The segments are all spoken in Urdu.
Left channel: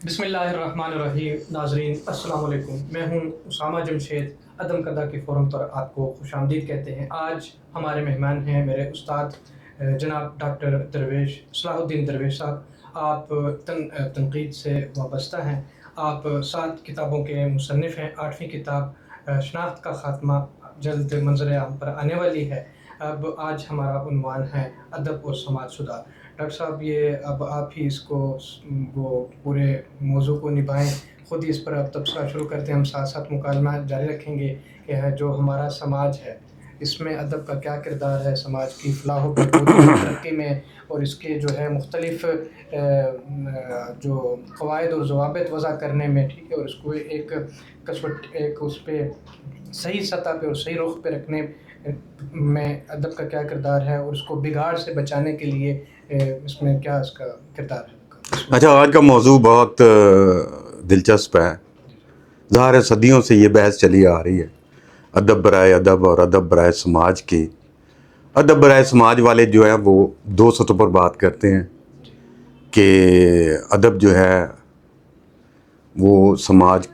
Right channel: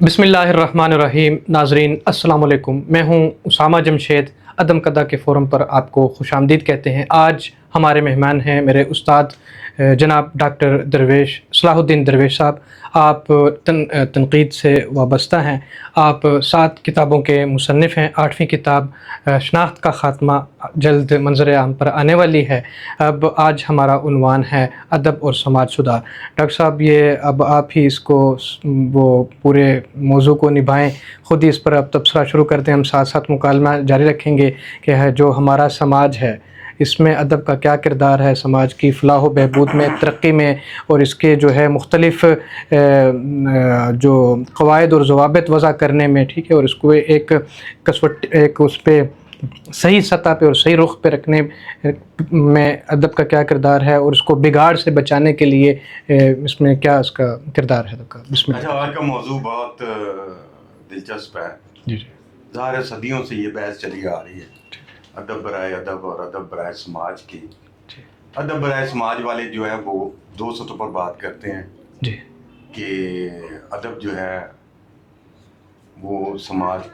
بسم اللہ الرحمن الرحیم. ناظرین السلام علیکم. میں ہوں اسامہ جمشید. عدم قدع کے فورم پر آپ کو خوش آمدید کہتے ہیں. آج ہمارے مہمان ہیں میرے استاد جناب ڈاکٹر درویش صلاح الدین درویش صاحب. آپ تنقید سے وابستہ ہیں. آپ 7 کتابوں کے مصنف ہیں. 8ویں کتاب شناخت کا خاتمہ جلد منظر عام پر آنے والی ہے. اب آج ہمارا عنوان ہے ادب اور سماج سدھار. ڈاکٹر صاحب یہ اب آپ ہی اس کو وہ پورے موضوع کو نبھائیں. خود ہی اس پر اب تبصرہ شروع کرتے ہیں. ہم ساتھ ساتھ مکالمہ جاری رکھیں گے کہ جو ہمارا سماج ہے اس میں ادب کا کیا کردار ہے سماج کی فلاح و بہبود میں, ترقی میں, اور اس کے جو ہے مختلف جو قواعد اور ضوابط وضع کرنے میں, ٹھیک ہے, اور اس کو ایک اس پہ صحیح سطح پہ اور صحیح رخ پہ رکھنے میں ادب کا کیا کردار ہے, اور اس کو بگاڑ سے بچانے کے لیے اس میں کیا اس کا کردار ہے. اچھا, آج کا موضوع بہت دلچسپ ہے. جی ظاہر ہے صدیوں سے یہ بحث چلی آ رہی ہے, ادب برائے ادب اور ادب برائے سماج کی. ادب برائے سماج والے جو ہیں وہ 2 سطحوں پر بات کرتے ہیں جی کہ ادب جو ہے وہ سماج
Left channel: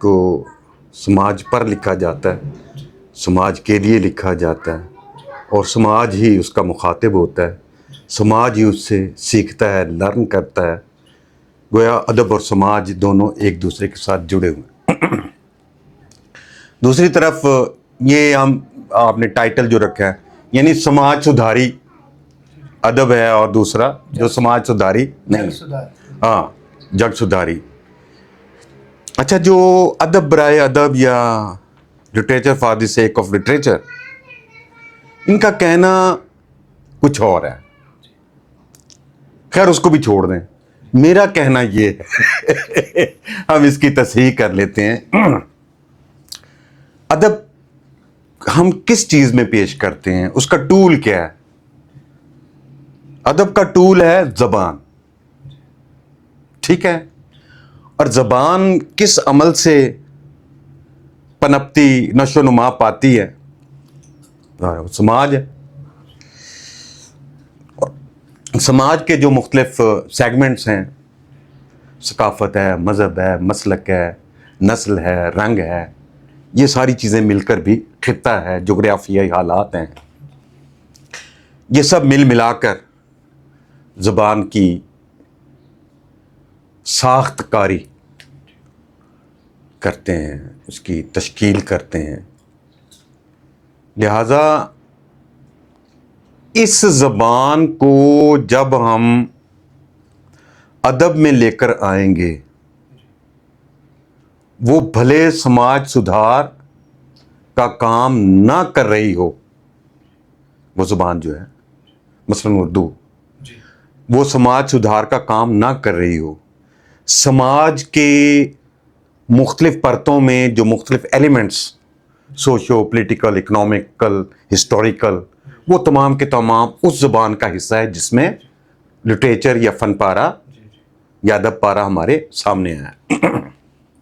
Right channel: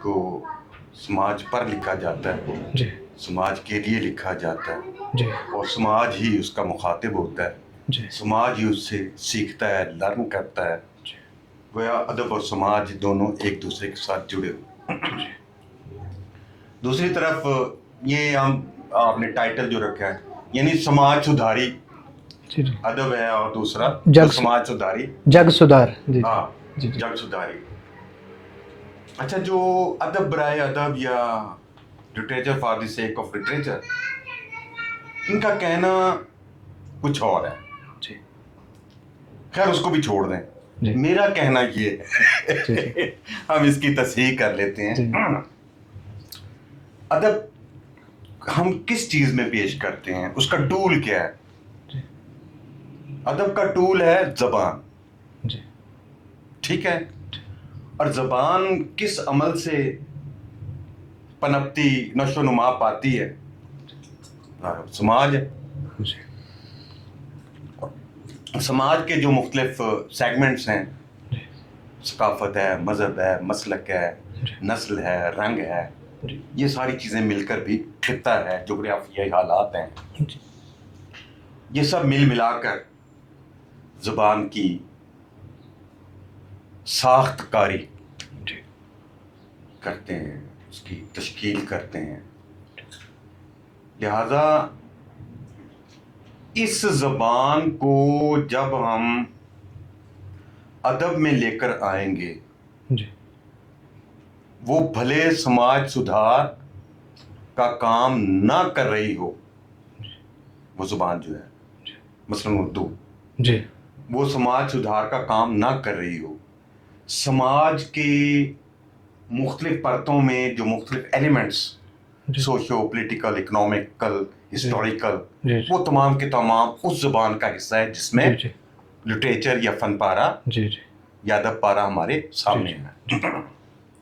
پر لکھا جاتا ہے, جی سماج کے لیے لکھا جاتا ہے, جی اور سماج ہی اس کا مخاطب ہوتا ہے, جی سماج ہی اس سے سیکھتا ہے, لرن کرتا ہے. گویا ادب اور سماج دونوں ایک دوسرے کے ساتھ جڑے ہوئے. دوسری طرف یہ آپ نے ٹائٹل جو رکھا ہے, یعنی سماج سدھاری جی ادب ہے, اور دوسرا جو سماج سدھاری جگ سدھار. ہاں, جگ سدھاری. اچھا, جو ادب برائے ادب یا literature for the sake of literature, ان کا کہنا کچھ اور ہے. جی خیر اس کو بھی چھوڑ دیں. میرا کہنا یہ ہے, ہم اس کی تصحیح کر لیتے ہیں. ادب ہم کس چیز میں پیش کرتے ہیں, اس کا ٹول کیا ہے؟ ادب کا ٹول ہے زبان. ٹھیک ہے, اور زبان کس عمل سے پنپتی, نشو و نما پاتی ہے؟ سماج ہے. سماج کے جو مختلف سیگمنٹس ہیں, ثقافت ہے, مذہب ہے, مسلک ہے, نسل ہے, رنگ ہے, یہ ساری چیزیں مل کر بھی خطہ ہے, جغرافیائی حالات ہیں, یہ سب مل ملا کر زبان کی ساخت کاری کرتے ہیں, اس کی تشکیل کرتے ہیں. لہذا اس زبان کو جب ہم ادب میں لے کر آئیں گے, وہ بھلے سماج سدھار کا کام نہ کر رہی ہو, وہ زبان جو ہے مثلاً اردو, وہ سماج سدھار کا کام نہ کر رہی ہو, سماج کے مختلف پرتوں میں جو مختلف elements socio political, economical, historical, وہ تمام کے تمام اس زبان کا حصہ ہے جس میں لٹریچر یا فن پارہ یا ادب پارہ ہمارے سامنے ہے.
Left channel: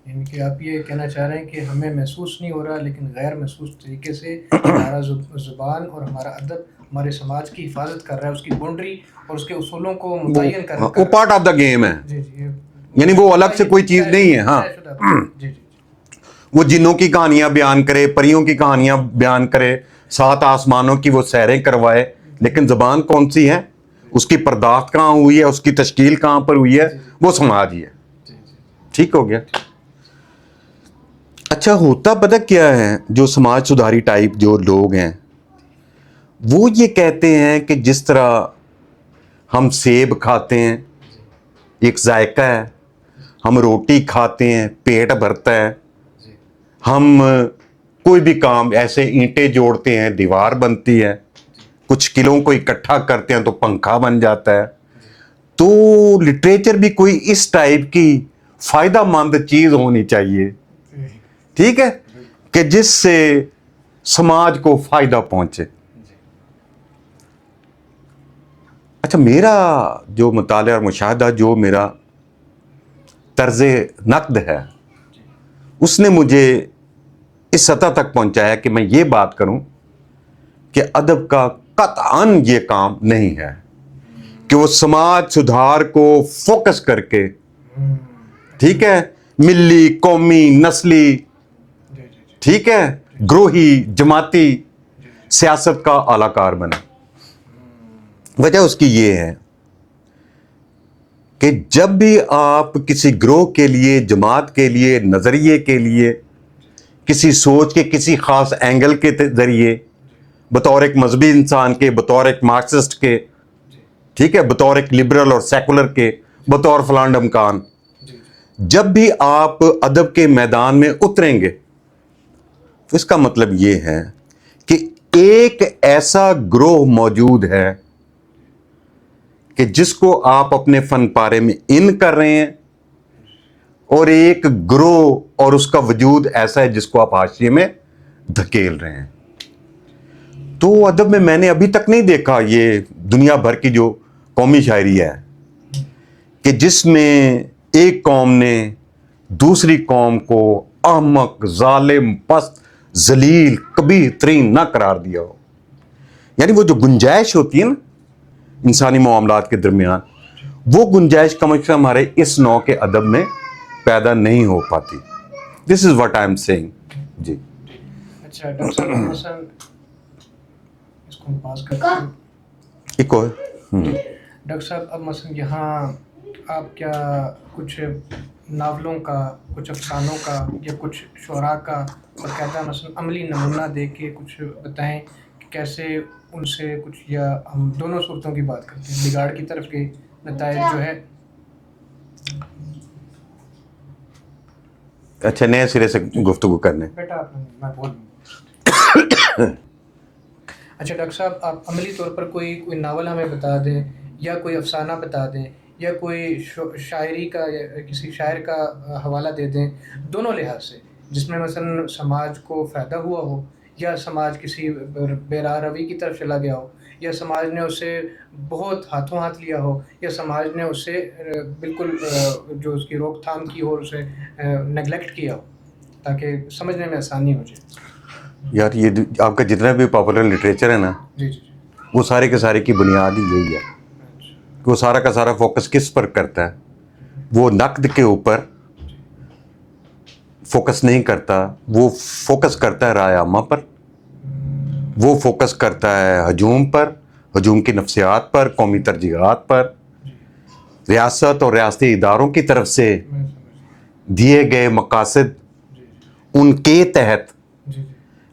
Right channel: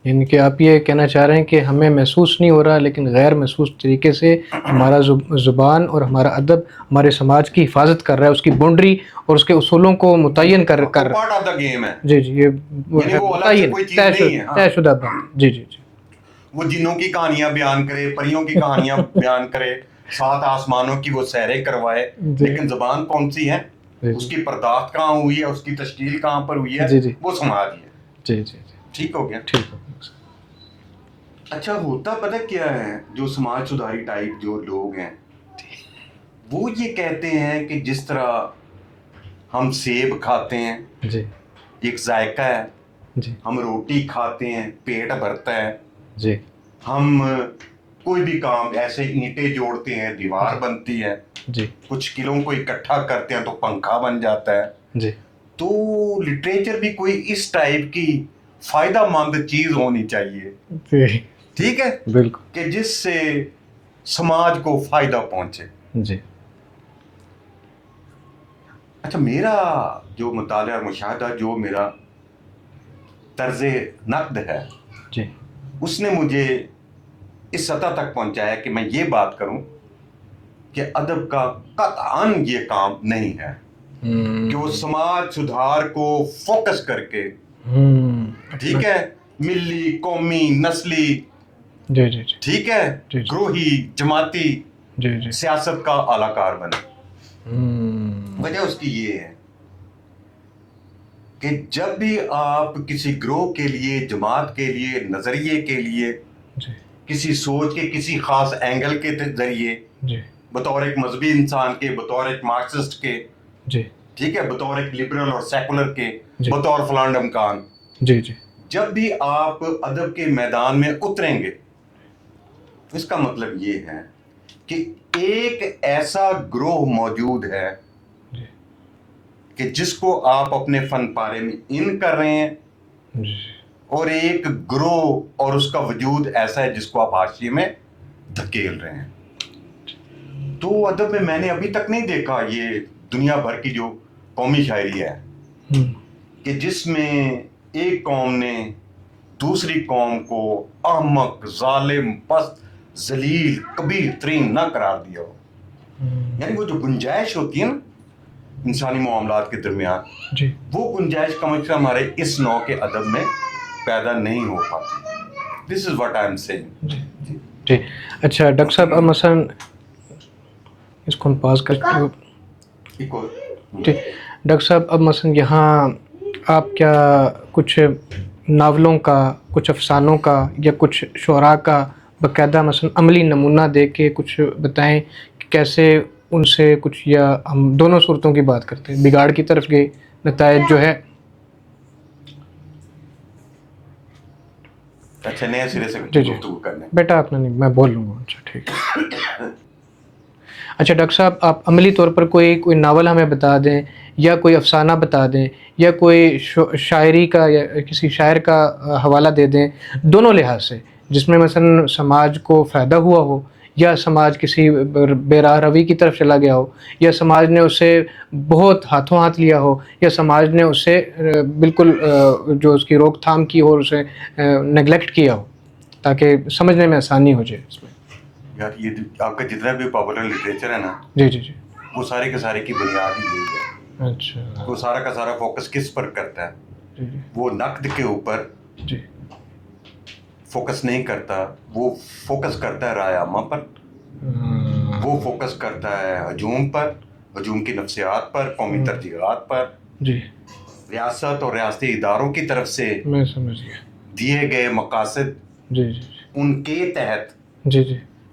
یعنی کہ آپ یہ کہنا چاہ رہے ہیں کہ ہمیں محسوس نہیں ہو رہا, لیکن غیر محسوس طریقے سے ہمارا زبان اور ہمارا ادب ہمارے سماج کی حفاظت کر رہا ہے, اس کی باؤنڈری اور اس کے اصولوں کو متعین کر رہا ہے. وہ پارٹ آف دا گیم ہے. جی یہ یعنی وہ الگ سے کوئی چیز نہیں ہے. ہاں, طے شدہ. جی جی وہ جنوں کی کہانیاں بیان کرے, پریوں کی کہانیاں بیان کرے, 7 آسمانوں کی وہ سیریں کروائے, لیکن زبان کون سی ہے, اس کی پرداخت کہاں ہوئی ہے, اس کی تشکیل کہاں پر ہوئی ہے, وہ سماج ہی ہے. جی جی ٹھیک ہو گیا. اچھا, ہوتا پتہ کیا ہے, جو سماج سدھاری ٹائپ جو لوگ ہیں وہ یہ کہتے ہیں کہ جس طرح ہم سیب کھاتے ہیں ایک ذائقہ ہے, ہم روٹی کھاتے ہیں پیٹ بھرتا ہے, ہم کوئی بھی کام ایسے اینٹیں جوڑتے ہیں دیوار بنتی ہے, کچھ کلوں کو اکٹھا کرتے ہیں تو پنکھا بن جاتا ہے, تو لٹریچر بھی کوئی اس ٹائپ کی فائدہ مند چیز ہونی چاہیے. ٹھیک ہے, بالکل, کہ جس سے سماج کو فائدہ پہنچے. اچھا, میرا جو مطالعہ اور مشاہدہ, جو میرا طرز نقد ہے, اس نے مجھے اس سطح تک پہنچایا کہ میں یہ بات کروں کہ ادب کا قطعاً یہ کام نہیں ہے کہ وہ سماج سدھار کو فوکس کر کے ٹھیک ہے, ملی, قومی, نسلی, جی جی جی ٹھیک ہے, گروہی, جماعتی جی جی سیاست کا اعلی کار بنا. وجہ اس کی یہ ہے کہ جب بھی آپ کسی گروہ کے لیے, جماعت کے لیے, نظریے کے لیے, کسی سوچ کے کسی خاص اینگل کے ذریعے, بطور ایک مذہبی انسان کے, بطور ایک مارکسسٹ کے, ٹھیک ہے, بطور ایک لبرل اور سیکولر کے, بطور فلاں ڈمکان, جب بھی آپ ادب کے میدان میں اتریں گے, اس کا مطلب یہ ہے کہ ایک ایسا گروہ موجود ہے کہ جس کو آپ اپنے فن پارے میں ان کر رہے ہیں, اور ایک گروہ اور اس کا وجود ایسا ہے جس کو آپ حاشیے میں دھکیل رہے ہیں. تو ادب میں نے ابھی تک نہیں دیکھا یہ دنیا بھر کی جو قومی شاعری ہے کہ جس میں ایک قوم نے دوسری قوم کو احمق, ظالم, پست, ذلیل, کبیح ترین نہ قرار دیا ہو. یعنی وہ جو گنجائش ہوتی ہے نا انسانی معاملات کے درمیان, وہ گنجائش کم از کم ہمارے اس نوع کے ادب میں پیدا نہیں ہو پاتی. This is what I am saying. جی جی اچھا ڈاکٹر صاحب, اب مثلاً اس کو ہم پاس کر کے جی ڈاکٹر صاحب, اب مثلاً یہاں آپ کیا کچھ ناولوں کا, کچھ افسانوں کا یا کچھ شعراء کا باقاعدہ مثلاً عملی نمونہ دے کے کچھ بتائیں کہ کیسے ان سے کچھ, یا ہم دونوں صورتوں کی بات کرتے ہیں, بگاڑ کی طرف گئے, نتائج جو ہے. اچھا, نئے سرے سے گفتگو کرنے. بیٹا آپ نے نہیں, میں بول لوں گا. اچھا ٹھیک ہے. اچھا ڈاکٹر صاحب, آپ عملی طور پر کوئی ناول ہمیں بتا دیں, یا کوئی افسانہ بتا دیں, یا کوئی شاعری کا یا کسی شاعر کا حوالہ دے دیں, دونوں لحاظ سے, جس میں مثلا سماج کو فائدہ ہوا ہو, یا سماج کسی بے راہ روی کی طرف چلا گیا ہو, یا سماج نے اسے بہت ہاتھوں ہاتھ لیا ہو, یا سماج نے اسے بالکل جو اس کی روک تھام کی اور اسے نگلیکٹ کیا ہو, تاکہ سمجھنے میں آسانی ہو جائے. یار یہ آپ کا جتنا بھی پاپولر لٹریچر ہے نا, جی جی جی, وہ سارے کے سارے کی بنیاد ہی یہی ہے. اچھا, وہ سارا کا سارا فوکس کس پر کرتا ہے؟ وہ نقد کے اوپر فوکس نہیں کرتا, وہ فوکس کرتا ہے رائے عامہ پر, وہ فوکس کرتا ہے ہجوم پر, ہجوم کی نفسیات پر, قومی ترجیحات پر, ریاست اور ریاستی اداروں کی طرف سے دیے گئے مقاصد ان کے تحت.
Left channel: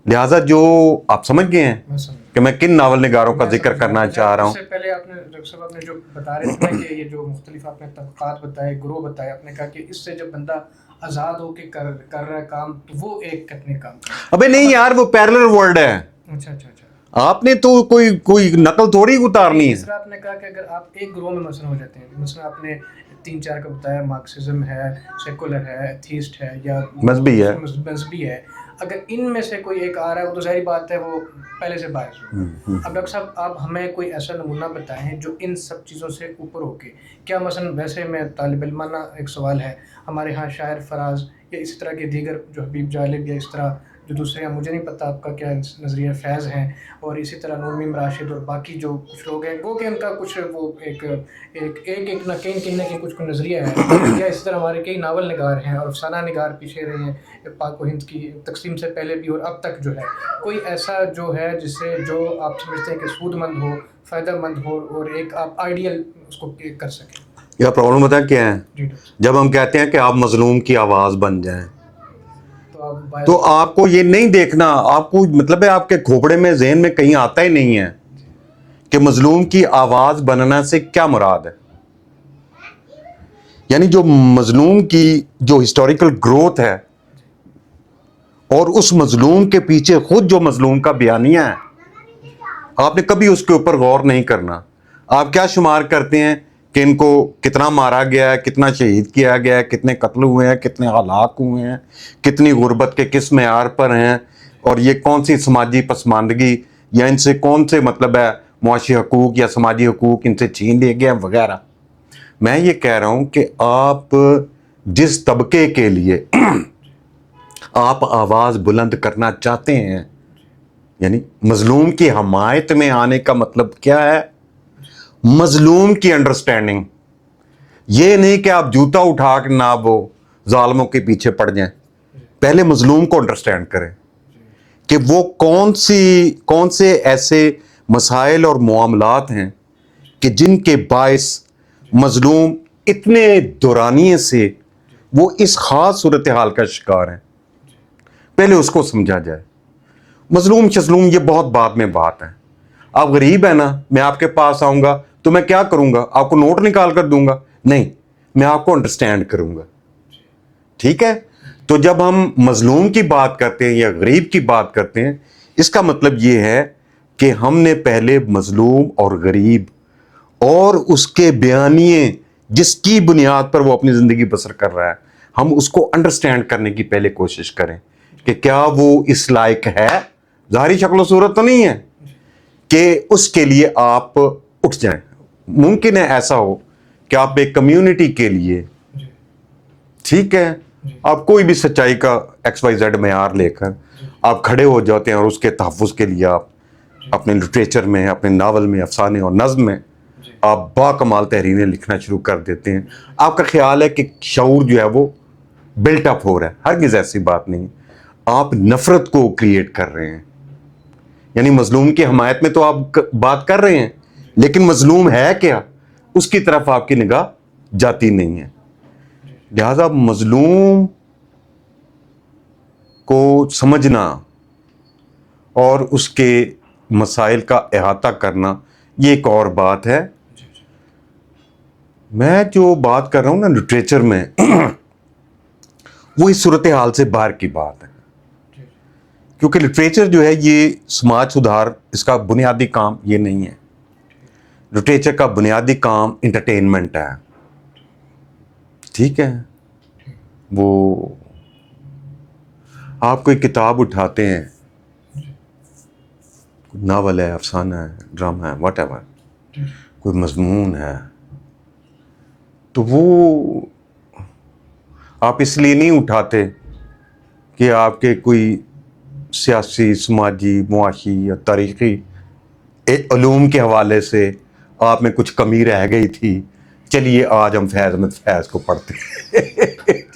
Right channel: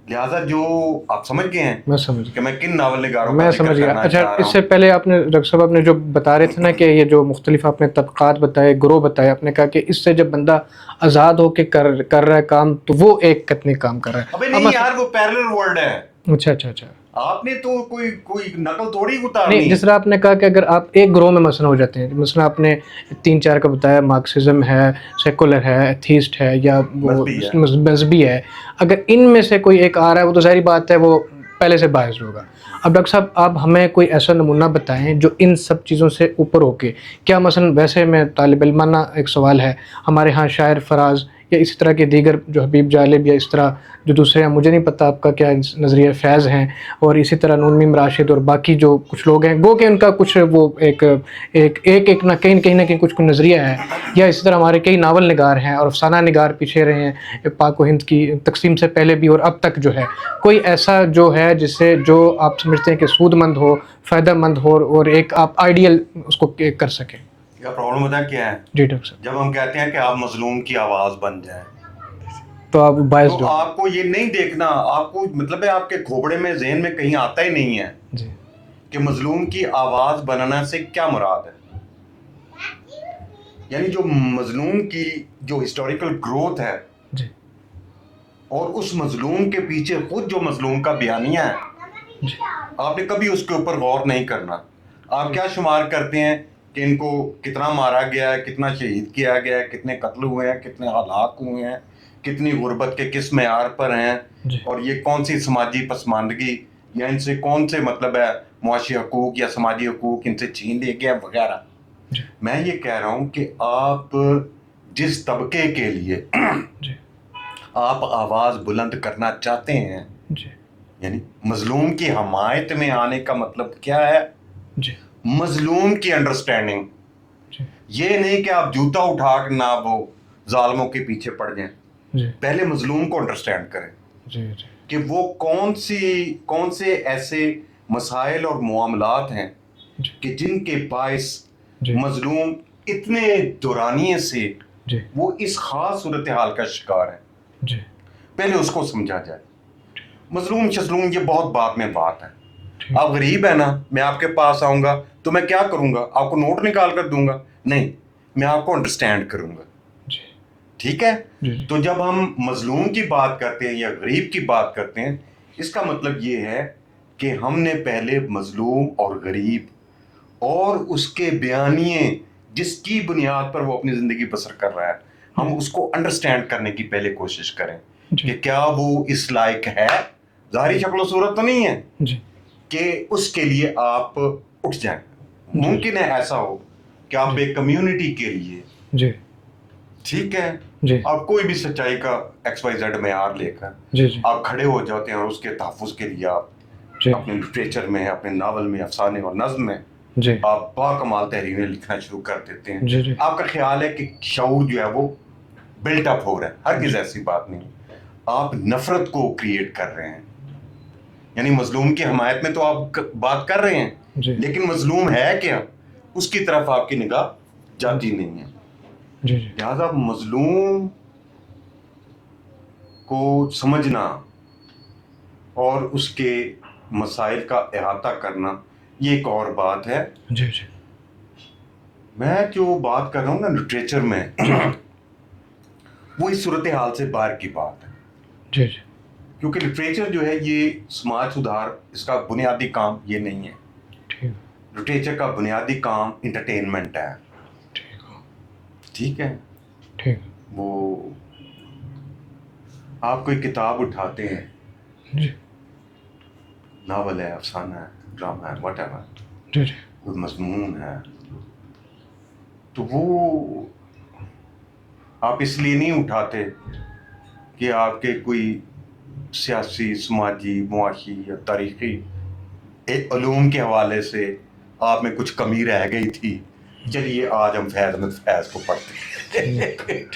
لہٰذا جو آپ سمجھ گئے ہیں کہ میں کن ناول نگاروں کا ذکر کرنا چاہ رہا ہوں. اس سے پہلے آپ نے ڈاکٹر صاحب, آپ نے جو بتا رہے تھے نا کہ یہ جو مختلف آپ نے طبقات بتائے, گروہ بتائے, آپ نے کہا کہ اس سے جب بندہ آزاد ہو کے کر رہا ہے کام, تو وہ ایک کتنے کام کر رہا ہے. ابے نہیں یار, وہ پیرلل ورلڈ ہے. اچھا اچھا اچھا, آپ نے تو کوئی نقل تھوڑی اتارنی ہے. جس طرح آپ نے کہا کہ اگر آپ ایک گروہ میں مثلا ہو جاتے ہیں, مثلا آپ نے 3-4 کا بتایا, مارکسزم ہے, سیکولر ہے, ایتھیسٹ ہے, یا مذہبی ہے, اگر ان میں سے کوئی ایک آ رہا ہے, وہ تو ظاہری بات ہے وہ پہلے سے باعث ہوگا. اب ڈاکٹر صاحب, آپ ہمیں کوئی ایسا نمونہ بتائیں جو ان سب چیزوں سے اوپر ہو کے, کیا مثلا ویسے میں طالب علمانہ ایک سوال ہے, ہمارے ہاں شاعر فراز یا اسی طرح کے دیگر جو حبیب جالب یا اس طرح جو دوسرے ہیں, مجھے نہیں پتہ آپ کا کیا نظریہ فیض ہیں, اور اسی طرح نون میم راشد اور باقی جو کچھ لوگ ہیں, گو کہ ان کا کچھ وہ ایک نہ کہیں کچھ نظریہ ہے, یا اسی طرح ہمارے کئی ناول نگار ہیں اور افسانہ نگار پیچھے رہے ہیں پاک و ہند کی تقسیم سے پہلے بھی اور اب تک جو ہے, کوئی ایسا جو ہے جس سے جو آپ سمجھتے ہیں کہ سود مند ہو, فائدہ مند ہو, اور ایک آپ آئیڈیل اس کو کر سکیں. یہ پرابلم بتا کیا ہے؟ جی ڈاکٹر صاحب, جب ہم کہتے ہیں کہ آپ مظلوم کی آواز بن جائیں, تو آپ کو یہ نہیں دیکھنا, آپ کو مطلب ہے آپ کے کھوپڑے میں, ذہن میں کہیں آتا ہی نہیں ہے کہ مظلوم کی آواز بننا سے کیا مراد ہے. یعنی جو مظلوم کی جو ہسٹوریکل گروتھ ہے, اور اس مظلوم کے پیچھے خود جو مظلوم کا بیانیہ ہے, آپ نے کبھی اس کے اوپر غور نہیں کرنا. آپ کیا شمار کرتے ہیں کہ ان کو کتنا مارا گیا ہے, کتنا شہید کیا گیا ہے, کتنے قتل ہوئے ہیں, کتنے ہلاک ہوئے ہیں, کتنی غربت کے کس معیار پر ہیں, اور یہ کون سی سماجی پسماندگی یا ان سے کون سے مطلب ہے معاشی حقوق یا سماجی حقوق ان سے چھین لیے گئے وغیرہ. میں یہ کہہ رہا ہوں کہ آپ جس طبقے کے لیے آپ آواز بلند کرنا چاہتے ہیں, یعنی مظلوم کی حمایت میں آنے کا مطلب کیا ہے؟ مظلوم کی انڈرسٹینڈنگ, یہ نہیں کہ آپ جوتا اٹھا کے نہ وہ ظالموں کے پیچھے پڑ جائیں. پہلے مظلوم کو انڈرسٹینڈ کریں کہ وہ کون سے ایسے مسائل اور معاملات ہیں کہ جن کے باعث مظلوم اتنے دورانیے سے وہ اس خاص صورتحال کا شکار ہے. پہلے اس کو سمجھا جائے. مظلوم یہ بہت بعد میں بات ہے. آپ غریب ہیں نا, میں آپ کے پاس آؤں گا تو میں کیا کروں گا, آپ کو نوٹ نکال کر دوں گا؟ نہیں, میں آپ کو انڈرسٹینڈ کروں گا. ٹھیک ہے. تو جب ہم مظلوم کی بات کرتے ہیں یا غریب کی بات کرتے ہیں, اس کا مطلب یہ ہے کہ ہم نے پہلے مظلوم اور غریب اور اس کے بیانیے جس کی بنیاد پر وہ اپنی زندگی بسر کر رہا ہے, ہم اس کو انڈرسٹینڈ کرنے کی پہلے کوشش کریں کہ کیا وہ اس لائق ہے. ظاہری شکل و صورت تو نہیں ہے کہ اس کے لیے آپ اٹھ جائیں. ممکن ہے ایسا ہو کہ آپ ایک کمیونٹی کے لیے, ٹھیک ہے, آپ کوئی بھی سچائی کا XYZ معیار لے کر آپ کھڑے ہو جاتے ہیں اور اس کے تحفظ کے لیے آپ اپنے لٹریچر میں, اپنے ناول میں, افسانے اور نظم میں آپ با کمال تحریریں لکھنا شروع کر دیتے ہیں. آپ کا خیال ہے کہ شعور جو ہے وہ بلٹ اپ ہو رہا ہے. ہرگز ایسی بات نہیں. آپ نفرت کو کریٹ کر رہے ہیں. یعنی مظلوم کی حمایت میں تو آپ بات کر رہے ہیں, لیکن مظلوم ہے کیا, اس کی طرف آپ کی نگاہ جاتی نہیں ہے. لہذا مظلوم کو سمجھنا اور اس کے مسائل کا احاطہ کرنا یہ ایک اور بات ہے. میں جو بات کر رہا ہوں نا لٹریچر میں, وہ اس صورتحال سے باہر کی بات ہے. کیونکہ لٹریچر جو ہے یہ سماج سدھار, اس کا بنیادی کام یہ نہیں ہے. لٹریچر کا بنیادی کام انٹرٹینمنٹ ہے. ٹھیک ہے. وہ آپ کوئی کتاب اٹھاتے ہیں, ناول ہے, افسانہ ہے, ڈرامہ ہے, واٹ ایور, کوئی مضمون ہے, تو وہ آپ اس لیے نہیں اٹھاتے کہ آپ کے کوئی سیاسی, سماجی, معاشی یا تاریخی علوم کے حوالے سے آپ میں کچھ کمی رہ گئی تھی, چلیے آج ہم فیض احمد فیض کو پڑھتے ہیں.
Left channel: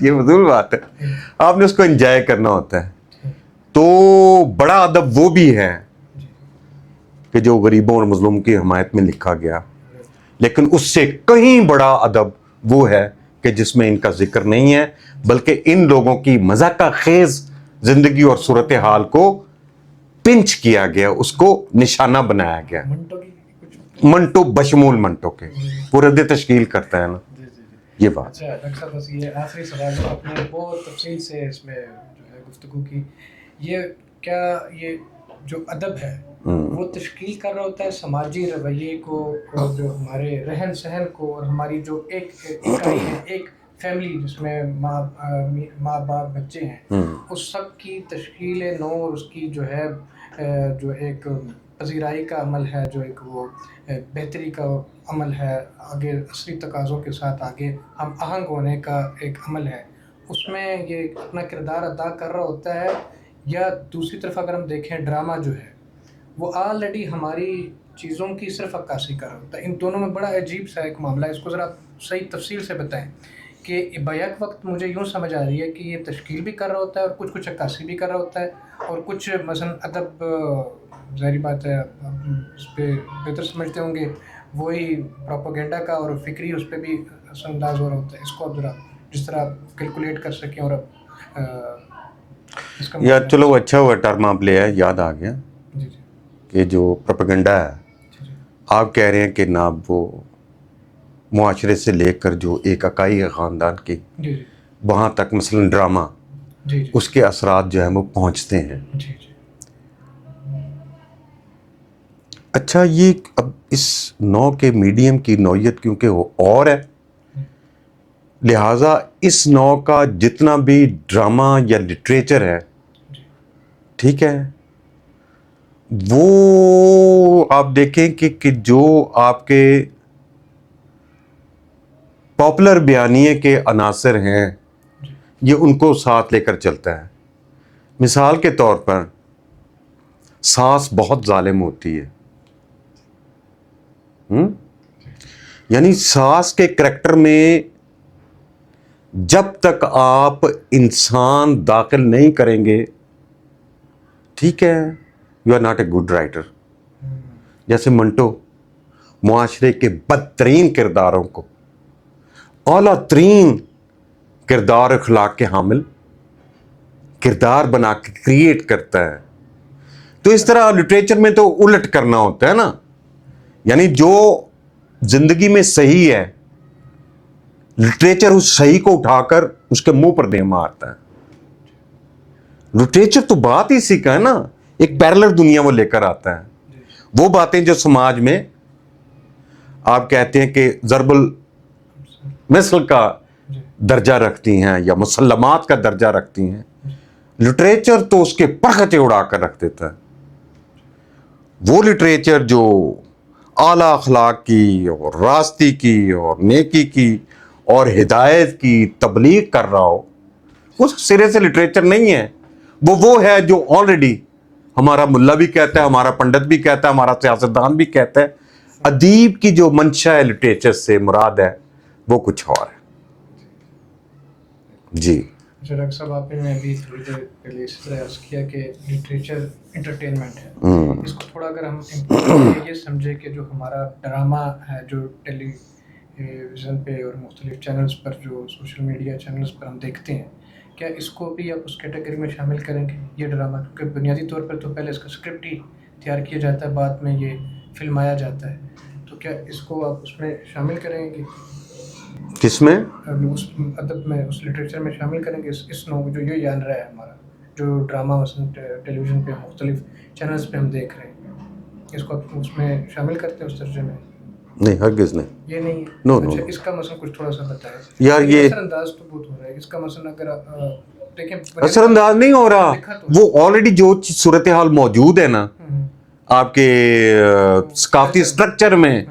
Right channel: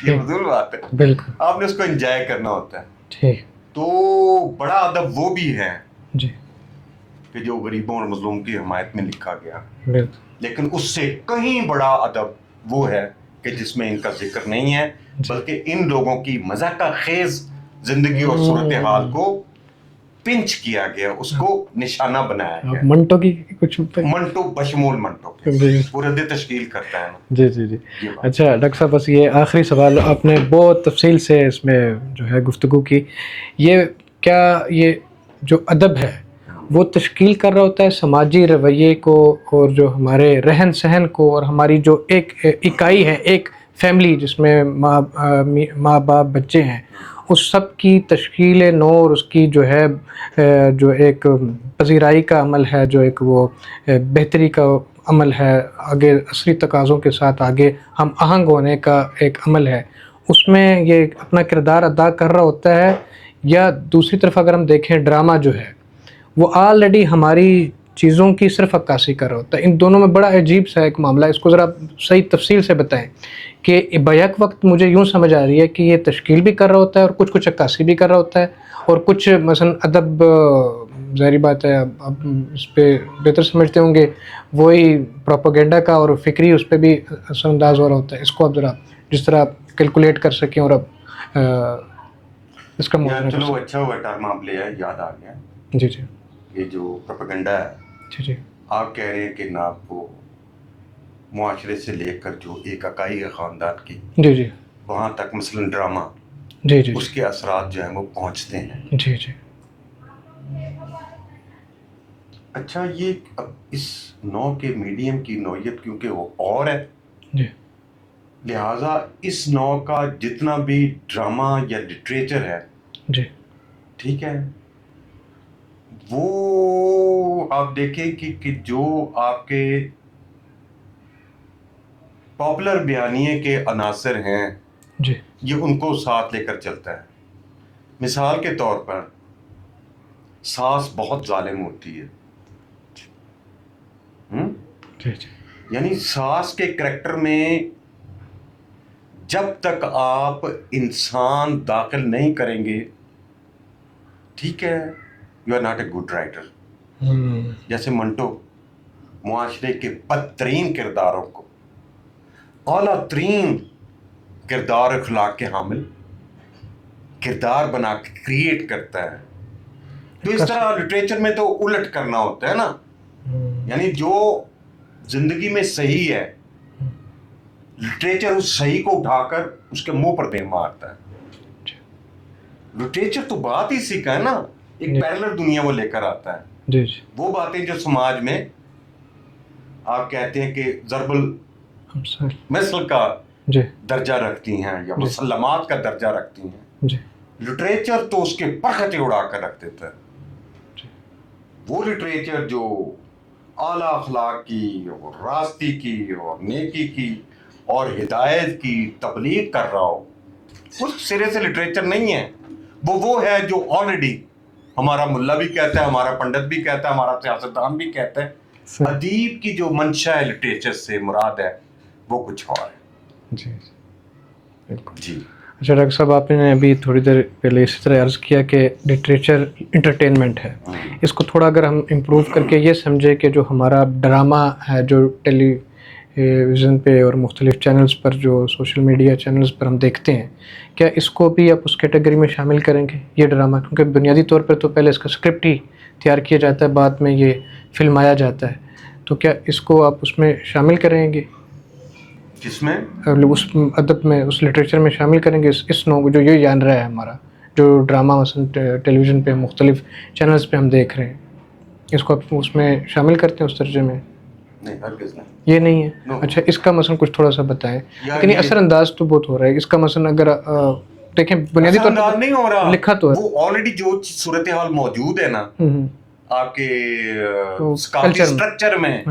یہ مضبوط بات ہے. آپ نے اس کو انجوائے کرنا ہوتا ہے. تو بڑا ادب وہ بھی ہے کہ جو غریبوں اور مظلوم کی حمایت میں لکھا گیا, لیکن اس سے کہیں بڑا ادب وہ ہے کہ جس میں ان کا ذکر نہیں ہے, بلکہ ان لوگوں کی مذاق خیز زندگی اور صورتحال کو پنچ کیا گیا, اس کو نشانہ بنایا گیا. منٹو کی کچھ منٹو بشمول منٹو کے پورے دے تشکیل کرتا ہے نا. جی. اچھا ڈاکٹر صاحب, بس یہ آخری سوال, آپ نے بہت تفصیل سے اس میں جو ہے گفتگو کی. یہ کیا یہ جو ادب ہے وہ تشکیل کر رہا ہوتا ہے سماجی رویے کو, اور جو ہمارے رہن سہن کو, اور ہماری جو ایک اکائی ہے, ایک فیملی جس میں ماں باپ بچے ہیں, اس سب کی تشکیل نو, اور اس کی جو ہے جو ایک پذیرائی کا عمل ہے, جو ایک وہ بہتری کا عمل ہے, آگے عصری تقاضوں کے ساتھ آگے ہم آہنگ ہونے کا ایک عمل ہے, اس میں یہ اپنا کردار ادا کر رہا ہوتا ہے. یا دوسری طرف اگر ہم دیکھیں ڈرامہ جو ہے وہ آلریڈی ہماری چیزوں کی صرف عکاسی کر رہا ہوتا ہے. ان دونوں میں بڑا عجیب سا ایک معاملہ ہے, اس کو ذرا صحیح تفصیل سے بتائیں کہ بیک وقت مجھے یوں سمجھ آ رہی ہے کہ یہ تشکیل بھی کر رہا ہوتا ہے اور کچھ عکاسی بھی کر رہا ہوتا ہے, اور کچھ مثلا ادب, ظاہری بات ہے اب اس پہ بہتر سمجھتے ہوں گے, وہی پروپیگنڈا کا اور فکری اس پہ بھی اثر انداز ہو رہا ہوتا ہے. اس کو اب ذرا جس طرح آپ کیلکولیٹ کر سکیں, اور اب اس کا یار چلو اچھا ہوا ٹرم آپ لے آئے, یاد آ گیا. جی کہ جو پروپیگنڈا ہے, آپ کہہ رہے ہیں کہ نا وہ معاشرے سے لے کر جو ایک اکائی ہے خاندان کی, وہاں تک مثلا ڈرامہ, اس کے اثرات جو ہیں وہ پہنچتے ہیں. اچھا, یہ اب اس نو کے میڈیم کی نوعیت کیونکہ وہ اور ہے, لہٰذا اس نو کا جتنا بھی ڈرامہ یا لٹریچر ہے, ٹھیک ہے, وہ آپ دیکھیں کہ جو آپ کے پاپولر بیانیے کے عناصر ہیں یہ ان کو ساتھ لے کر چلتا ہے. مثال کے طور پر سانس بہت ظالم ہوتی ہے. یعنی ساس کے کریکٹر میں جب تک آپ انسان داخل نہیں کریں گے، ٹھیک ہے، you are not a good writer. جیسے منٹو معاشرے کے بدترین کرداروں کو اعلیٰ ترین کردار اخلاق کے حامل کردار بنا کے کریٹ کرتا ہے. تو اس طرح لٹریچر میں تو الٹ کرنا ہوتا ہے نا، یعنی جو زندگی میں صحیح ہے لٹریچر اس صحیح کو اٹھا کر اس کے منہ پر دے مارتا ہے. لٹریچر تو بات ہی اسی کا ہے نا، ایک پیرلل دنیا وہ لے کر آتا ہے. وہ باتیں جو سماج میں آپ کہتے ہیں کہ ضرب المثل کا درجہ رکھتی ہیں یا مسلمات کا درجہ رکھتی ہیں، لٹریچر تو اس کے پرخچے اڑا کر رکھ دیتا ہے. وہ لٹریچر جو اعلیٰ اخلاق کی اور راستی کی اور نیکی کی اور ہدایت کی تبلیغ کر رہا ہو، اس سرے سے لٹریچر نہیں ہے. وہ ہے جو آلریڈی ہمارا ملا بھی کہتا ہے، ہمارا پنڈت بھی کہتا ہے، ہمارا سیاستدان بھی کہتا ہے. ادیب کی جو منشا ہے لٹریچر سے مراد ہے وہ کچھ اور ہے. جی اچھا ڈاکٹر صاحب، آپ نے ابھی تھوڑی دیر پہلے اسی طرح عرض کیا کہ لٹریچر انٹرٹینمنٹ ہے. اس کو تھوڑا اگر ہم امپروو کر کے یہ سمجھے کہ جو ہمارا ڈرامہ ہے جو ٹیلی ویژن پہ اور مختلف چینلز پر، جو سوشل میڈیا چینلز پر ہم دیکھتے ہیں، کیا اس کو بھی آپ اس کیٹیگری میں شامل کریں گے یہ ڈرامہ؟ کیونکہ بنیادی طور پر تو پہلے اس کا اسکرپٹ ہی تیار کیا جاتا ہے، بعد میں یہ فلمایا جاتا ہے. تو کیا اس کو آپ اس میں شامل کریں گے؟ کس میں؟ اس ادب میں، اس لٹریچر میں شامل کریں گے اس نو جو یہ جان رہا ہے ہمارا جو ڈرامہ مثلا ٹیلی ویژن پہ مختلف چینلز پہ ہم دیکھ رہے ہیں، اس کو آپ اس میں شامل کرتے ہیں اس درجے میں؟ نہیں، ہرگز نہیں. یہ نہیں ہے. اچھا، اس کا مثلا کچھ تھوڑا سا بتائیں. یعنی اثر انداز تو بہت ہو رہا ہے اس کا. مثلا اگر دیکھیں اثر انداز نہیں ہو رہا، لکھا تو ہے وہ آلریڈی جو صورتحال موجود ہے نا آپ کے ثقافتی اسٹرکچر میں،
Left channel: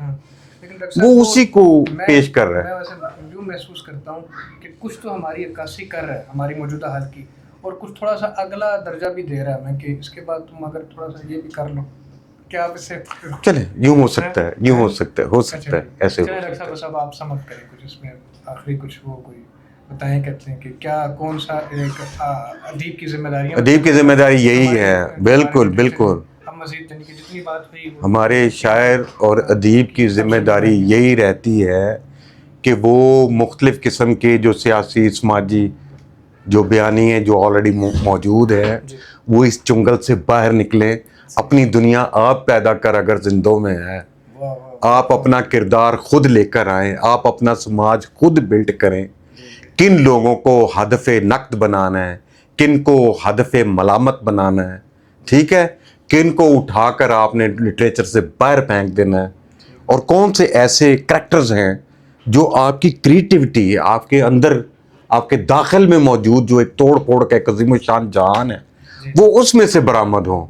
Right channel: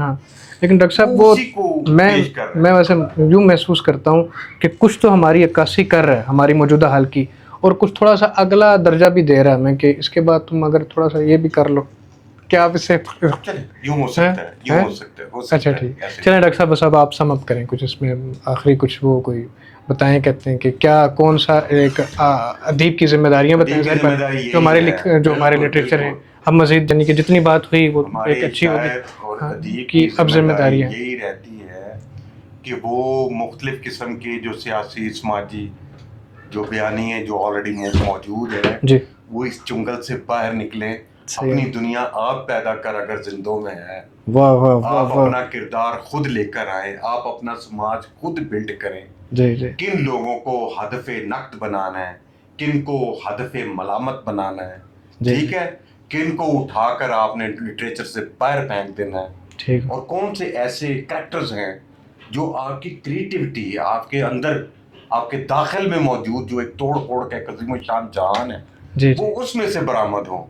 لیکن ڈاکٹر صاحب وہ اسی کو پیش کر رہا ہے. میں ویسے یوں محسوس کرتا ہوں کہ کچھ تو ہماری عکاسی کر رہا ہے ہماری موجودہ حال کی، اور کچھ تھوڑا سا اگلا درجہ بھی دے رہا ہے ہمیں کہ اس کے بعد تم اگر تھوڑا سا یہ بھی کر لو. کیا آپ اس سے چلیں یوں ہو سکتا ہے، یوں ہو سکتا ہے، ہو سکتا ہے ایسے. چلیں ڈاکٹر صاحب، بس اب آپ سم اپ کریں کچھ اس میں آخری کچھ وہ کوئی بتائیں، کہتے ہیں کہ کیا کون سا ایک ادیب کی ذمہ داریاں، ادیب کی ذمہ داری یہی ہے. بالکل بالکل. اب مزید یعنی کہ جتنی بات ہوئی وہ ہمارے شاعر اور ادیب کی ذمہ داری یہی رہتی ہے کہ وہ مختلف قسم کے جو سیاسی سماجی جو بیانیے جو آلریڈی موجود ہے وہ اس چنگل سے باہر نکلیں. اپنی دنیا آپ پیدا کر اگر زندوں میں ہے، آپ اپنا کردار خود لے کر آئیں، آپ اپنا سماج خود بلڈ کریں. کن لوگوں کو ہدف نقد بنانا ہے، کن کو ہدف ملامت بنانا ہے، ٹھیک ہے، کن کو اٹھا کر آپ نے لٹریچر سے باہر پھینک دینا ہے، اور کون سے ایسے کریکٹرز ہیں جو آپ کی کریٹیوٹی ہے، آپ کے اندر، آپ کے داخل میں موجود جو ایک توڑ پھوڑ کا ایک عظیم الشان جہان ہے، وہ اس میں سے برآمد ہوں،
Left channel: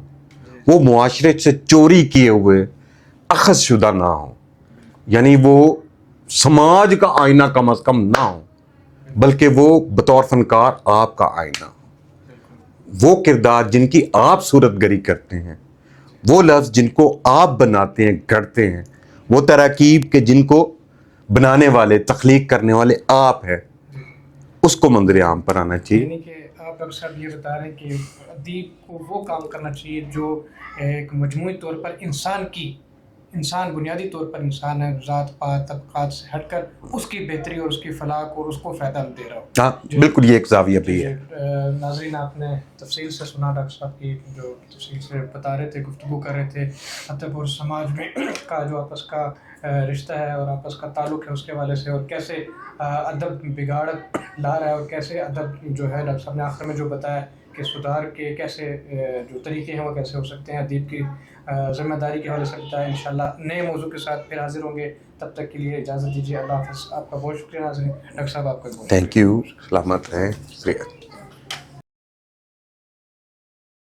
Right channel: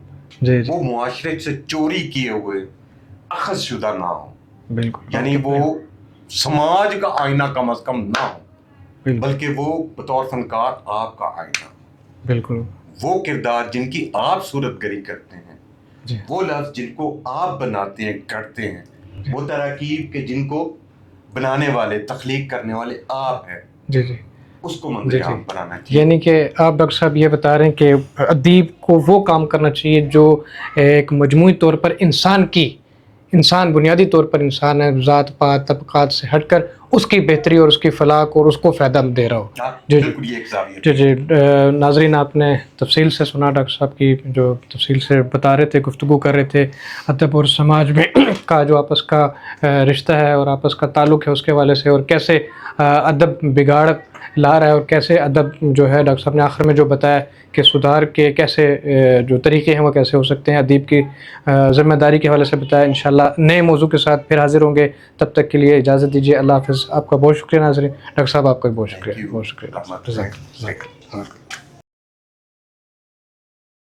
وہ معاشرے سے چوری کیے ہوئے اخذ شدہ نہ ہوں. یعنی وہ سماج کا آئینہ کم از کم نہ ہو، بلکہ وہ بطور فنکار آپ کا آئینہ. بالکل. وہ کردار جن کی آپ صورت گری کرتے ہیں، وہ لفظ جن کو آپ بناتے ہیں، گھڑتے ہیں، وہ تراکیب کے جن کو بنانے والے، تخلیق کرنے والے آپ ہیں، اس کو منظر عام پر آنا چاہیے. یعنی کہ آپ ڈاکٹر صاحب یہ بتا رہے ہیں کہ ادیب کو وہ کام کرنا چاہیے جو ایک مجموعی طور پر انسان بنیادی طور پر انسان ہے، ذات پات طبقات سے ہٹ کر اس کی بہتری اور اس کی فلاح اور اس کو فائدہ دے رہا ہو. بالکل، یہ ایک زاویہ ہے. ناظرین، آپ نے تفصیل سے سنا ڈاکٹر صاحب کی جو تفصیل سے بتا رہے تھے، گفتگو کر رہے تھے ادب اور سماج میں کا جو آپس کا رشتہ ہے اور آپس کا تعلق ہے اس کے حوالے سے، اور کیسے ادب بگاڑ لا رہا ہے اور کیسے ادب جو ہے، ڈاکٹر صاحب نے آخر میں جو بتایا کہ سدھار کے کیسے جو طریقے ہیں وہ کیسے ہو سکتے ہیں، ادیب کی ذمہ داری کے حوالے سے بتایا. انشاءاللہ نئے موضوع کے ساتھ پھر حاضر ہوں گے، تب تک کے لیے اجازت دیجیے. اللہ حافظ. آپ کا بہت شکریہ ناظرین. ڈاکٹر صاحب آپ کا بہت شکریہ. Thank you. سلامت رہیں.